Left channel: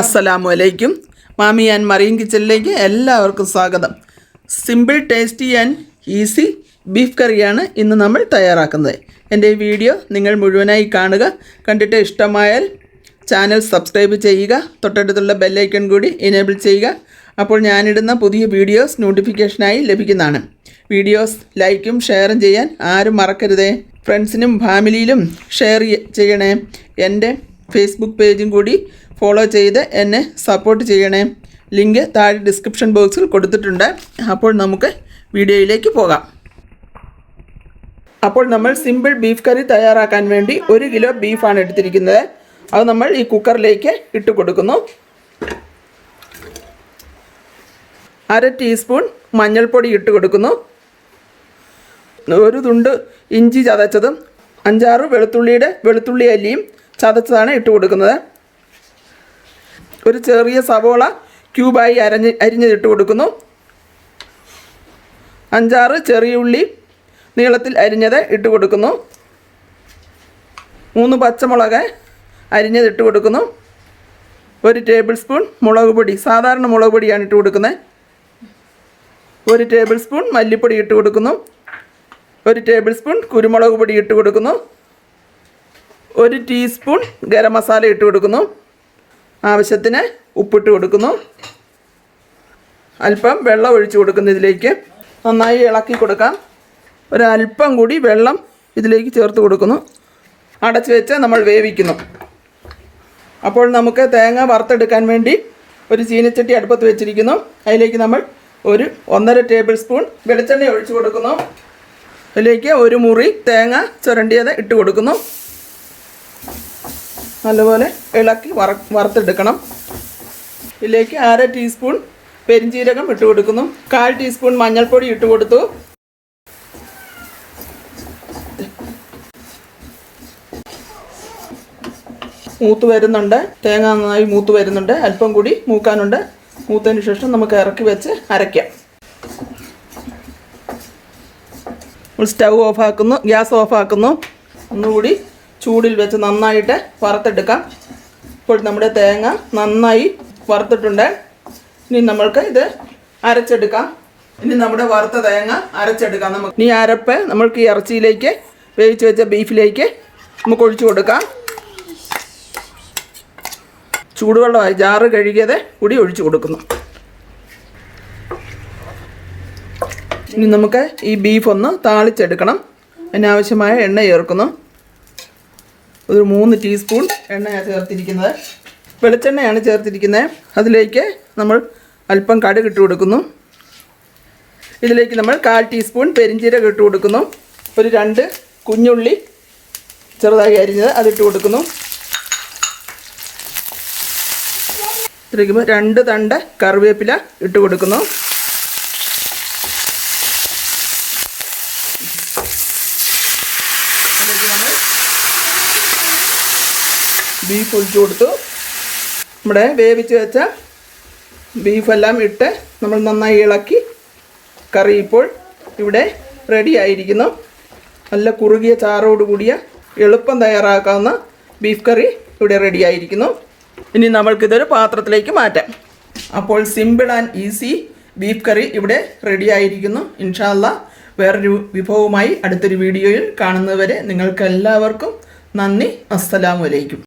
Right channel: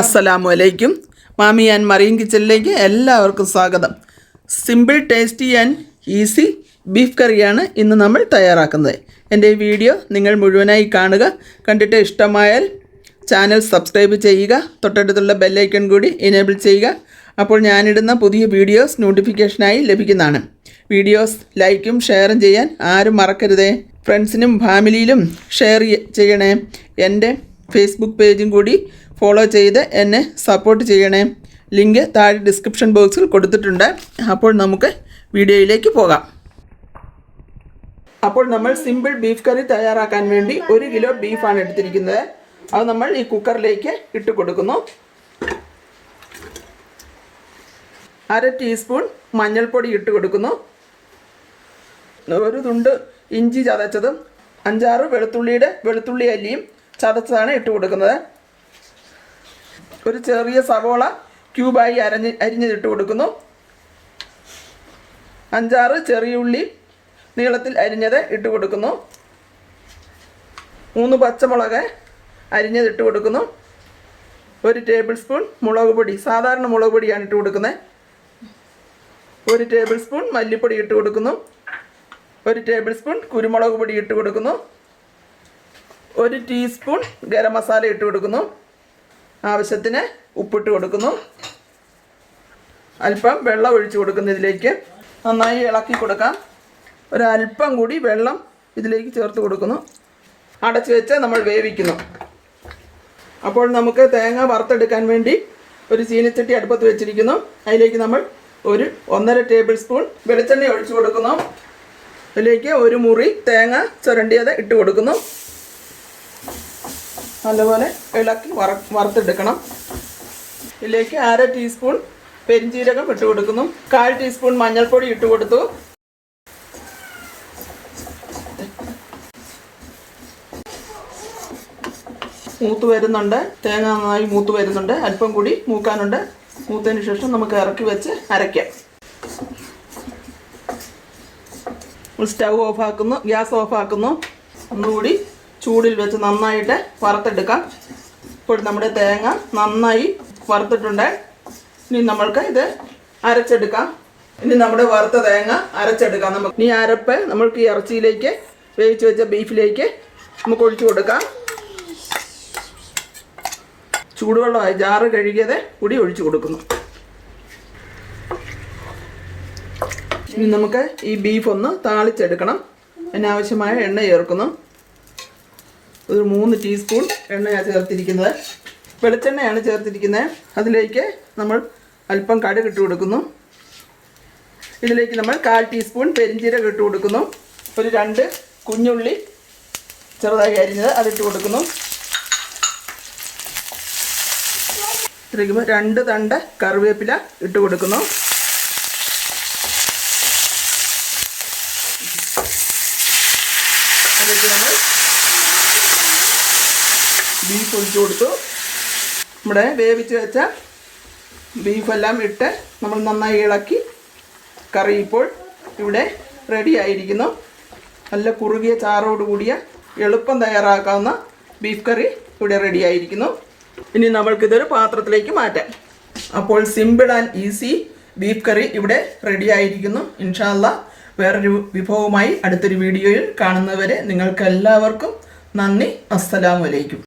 അസ്സലാമു അലൈക്കും. മാമി ആൻഡ് മറിയം കിച്ചണിലേക്ക് എല്ലാവർക്കും സ്വാഗതം. Simple, tasty and easy beef കറിയാണ് ഇന്ന് നമ്മൾ തയ്യാറാക്കുന്നത്. എൻ്റെ ഈ വീഡിയോ നിങ്ങൾ മുഴുവനായി കാണുക. കണ്ടിട്ട് ഇഷ്ടമായാൽ ചാനൽ സബ്സ്ക്രൈബ് ചെയ്യുക. തൊട്ടടുത്തുള്ള ബെല്ലൈക്കൺ കൂടി എനേബിൾ ചെയ്യുക. അപ്പോൾ ഞാനിടുന്ന പുതിയ വീഡിയോസ് നോട്ടിഫിക്കേഷനായി ലഭിക്കുന്നതാണ്. വീഡിയോസ് ലൈക്കും ഷെയറും ചെയ്യാൻ ആരും മറക്കരുതേ. ഫ്രണ്ട്സിനും ഫാമിലിയിലും ഷെയർ ചെയ്യണേ. എൻ്റെ ഫേസ്ബുക്ക് പേജും കൂടി ഫോളോ ചെയ്ത് എന്നെ സപ്പോർട്ട് ചെയ്യണേ. ലിങ്ക് താഴെ ഡിസ്ക്രിപ്ഷൻ ബോക്സിൽ കൊടുത്തിട്ടുണ്ട്. അപ്പോൾ നമുക്ക് വീഡിയോയിലേക്ക് പോകാം. അപ്പോൾ നമ്മൾ സിമ്പിൾ ബീഫ് കറി തയ്യാറാക്കാൻ വേണ്ടി 1 കിലോ ബീഫാണ് എടുത്തിരിക്കുന്നത്. അത് നമ്മൾ ഈ കുക്കറിലേക്ക് ഇട്ട് കൊടുക്കുന്നു. 1/2 ടീസ്പൂൺ മഞ്ഞൾപ്പൊടി ഇട്ട് കൊടുക്കുന്നു. 1 തുണ്ട് ഇഞ്ചി ചതച്ചതും 5-6 വെളുത്തുള്ളി അല്ലിയും ചതച്ചതാണ് ഇട്ട് കൊടുക്കുന്നത്. ഒരു ചെറിയ സവോള ക്യൂബായി അരിഞ്ഞിട്ട് കൊടുക്കുന്നു. 5-6 ചെറിയ ഉള്ളി നീളത്തിൽ അരിഞ്ഞത് ഇട്ട് കൊടുക്കുന്നു. 3 പച്ചമുളക് അരിഞ്ഞത് ഇട്ട് കൊടുക്കുന്നു. 1 ടേബിൾ സ്പൂൺ മുളക് പൊടി, സാധാരണ മുളക് പൊടിയാണ് ഇട്ട് കൊടുക്കുന്നത്. 1 ടേബിൾ സ്പൂൺ മല്ലിപ്പൊടി ഇട്ട് കൊടുക്കുന്നു. 1 ടേബിൾ സ്പൂൺ കുരുമുളക് പൊടി ഇട്ട് കൊടുക്കുന്നു. 1 ടീസ്പൂൺ ഗരം മസാല ഇട്ട് കൊടുക്കുന്നു. ആവശ്യത്തിന് ഉപ്പിട്ട് കൊടുക്കുന്നു. അല്പം വെള്ളം ഒഴിച്ച് കൊടുക്കുന്നു. ഇതിലേക്ക് നന്നായി ഇളക്കി കൊടുക്കാം. ഒരല്പം കൂടി വെള്ളം ഇതിലേക്ക് ചേർത്ത് കൊടുക്കുന്നു. അടച്ച് വെച്ച് നമ്മൾ വേവിക്കുന്നു. അപ്പോൾ നമുക്ക് തേങ്ങ വറുത്തെടുക്കാൻ വേണ്ടി ഒരു ചീനച്ചട്ടി അടുപ്പത്ത് വെച്ചിരിക്കുന്നു. അതിലേക്ക് നമ്മൾ 1.5 ടേബിൾ സ്പൂൺ വെളിച്ചെണ്ണ ഒഴിച്ച് കൊടുക്കുന്നു. അതിലേക്ക് 1 മുറി തേങ്ങ ചുരണ്ടിയത് ഇട്ട് കൊടുക്കുന്നു. നല്ലപോലെ ഇളക്കി വറുത്തെടുക്കണം. ഇതിലേക്ക് 1/2 ടീസ്പൂൺ പെരിഞ്ജീരകം ഇട്ട് കൊടുക്കുന്നു. 1/4 ടീസ്പൂൺ മഞ്ഞൾപ്പൊടി ഇട്ട് കൊടുത്തു. മൂത്ത് വരുന്നുണ്ട്. തേങ്ങ നന്നായി മൂത്ത് വരുന്നുണ്ട്. അല്പം കൂടി മൂക്കാനുണ്ട്. മൂത്തതിന് ശേഷം നമുക്ക് ഇറക്കി വെച്ച് അരയ്ക്കാം. Stove ഓഫാക്കുന്നു, gas ഓഫാക്കുന്നു. ഒന്നുകൂടി ചൂടിൽ വെച്ച് നന്നായിട്ട് വറുത്തെടുക്കാം. ഇപ്പോൾ നമ്മുടെ തേങ്ങ നന്നായി വറുത്തിട്ടുണ്ട്. ഇനി നമ്മൾക്ക് ഇത് അരച്ചെടുക്കാം. ഇനി നമ്മുടെ വറുത്ത തേങ്ങ അരച്ചെടുക്കാം. നമുക്ക് ഈ അരപ്പ് നമ്മൾക്ക് ഈ ഇറച്ചിയിലേക്ക്, വേവിച്ച് വെച്ച ബീഫിലേക്ക് നമുക്ക് ഒഴിച്ചു കൊടുക്കാം. ചൂടുവെള്ളമായി ജാറ് കഴുകിയത് കൂടി ഒഴിച്ചു കൊടുക്കുന്നു. ഇനി നമുക്ക് ഈ ബീഫ് ഒന്ന് താളിച്ചെടുക്കണം. അതിനാവശ്യമായ എണ്ണ ചേർക്കുന്നു. ഒരു 3 ടീസ്പൂൺ എണ്ണയാണ് ചേർത്തിരിക്കുന്നത്. വെളിച്ചെണ്ണയാണ് ചേർത്തിരിക്കുന്നത്. അതിലേക്ക് നമ്മൾ അല്പം കടുക് ഇട്ട് കൊടുക്കുന്നു. ഇതിലേക്ക് നമ്മൾ 1/4 ടീസ്പൂൺ പെരിഞ്ജീരകം ഇട്ട് കൊടുക്കുന്നു. ഒരു 2 കുഞ്ഞുള്ളി ചെറുതായി അരിഞ്ഞത് അതിട്ട് കൊടുക്കുന്നു. ഇതിലേക്ക് 2 തണ്ട് കറിവേപ്പില ഇട്ട് കൊടുക്കുന്നു. അതിലേക്ക് നമ്മൾ ബീഫ് ഒഴിച്ചു കൊടുത്തു. നമ്മുടെ വേവിച്ച് വെച്ച ബീഫെല്ലാം ഇട്ട് നമ്മൾ നന്നായി ഇളക്കി. കറി ഇപ്പോൾ ഇവിടെ റെഡി ആയിരിക്കുന്നു. നല്ല കുറുകിയ ചാറോട് കൂടിയ എളുപ്പം തയ്യാറാക്കാവുന്ന ബീഫ് കറി ഇവിടെ റെഡി ആയിരിക്കുന്നു. ഇനി നമ്മൾക്കിതൊരു പാത്രത്തിലേക്ക് മാറ്റാം. അപ്പോൾ സിമ്പിൾ ആൻഡ് ഈസി ബീഫ് കറി ഇവിടെ റെഡി ആയിരിക്കുന്നു. ഇൻഷാ അല്ലാഹ് വേറൊരു വിഭവമായി അടുത്തൊരു വീഡിയോയിൽ കാണുന്നവരെ നിങ്ങൾക്ക് എല്ലാവർക്കും നന്ദി. അസ്സലാമു അലൈക്കും.